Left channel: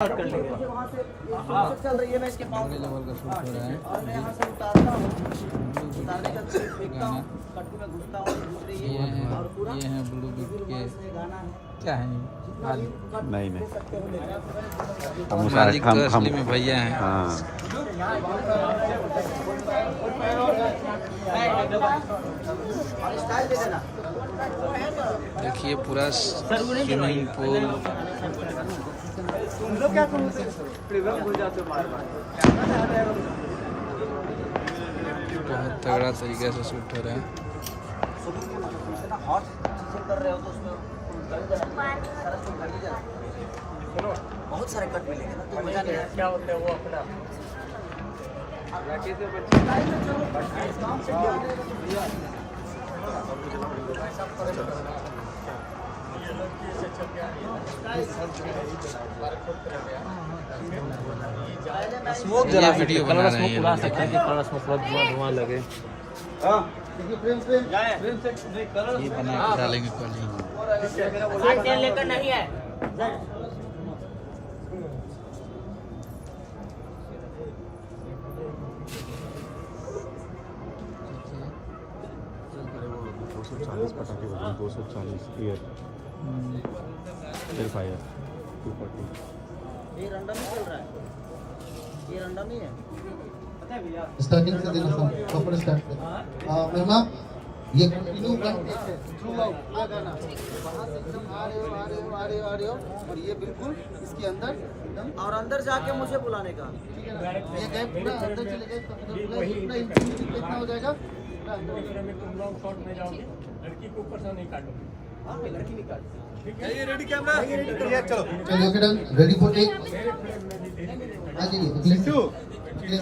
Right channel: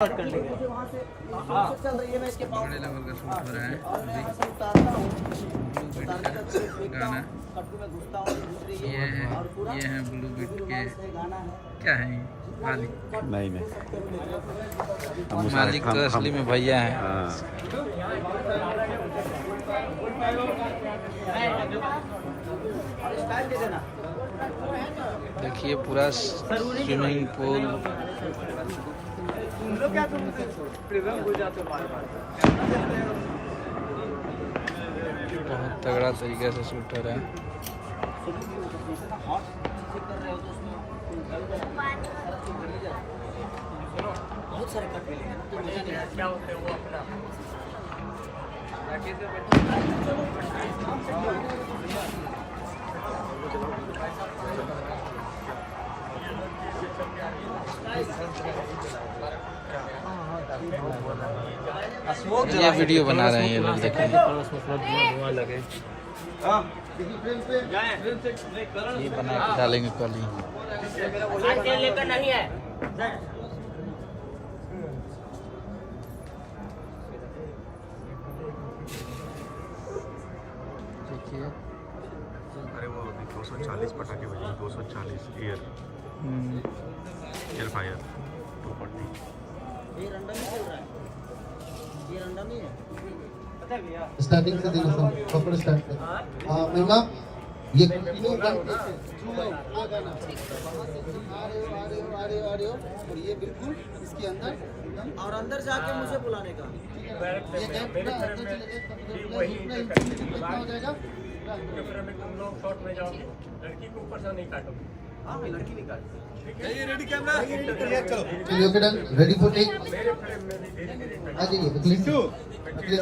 कर लेंगे। चल रही है, मैं इसके पाँव बड़े लेवल का शूट हो रहा है। और मैं यहाँ से उतारता हूँ, ब्लू उतारने बीट तक का देखता गाना। हूँ, कट्टू में घुसता हूँ, दूसरे ये हैं ब्लू बीट के क्या हैं ये? मालिक नहीं मालिक तो असली में भैया हैं। देखिए पूरा स्विमिंग पूल बहुत तगड़ा तरीके से शूट हो रहा है। बहुत सारे कट मिलेंगे ना, तो मजा नहीं आएगा। क्या होता है वो अपना ये वीडियो बना रहे हैं ये लोग, देखिए धुआं लगे। ये बना के डालेंगे कल ही। लेकर नहीं है अरे वो 240 पटाखे बजे 240 एयर फायर 240। ये रंडा नहीं चल रहा है, ये रंडा नहीं है। स्टार्टिंग से देखो सब कपड़े स्टार्ट कर मेमा ये कंटिन्यू करते हैं थ्रू आउट पूरा गाना वहां से एकदम आ रहे हो और ये बिल्कुल इसके अंदर एकदम और अंदर जाके मुझे बुलाने का। ये गए पूरा अंदर चले गए तब पूरा इंफिनिटी कितना हो जाएगा पूरा अंदर लड़की को ऊपर से नहीं काटो। हाँ मैं लड़की नहीं काटती। ये रेडी कैमरा चलो चलिए okay done ready for take आ जाइए अगले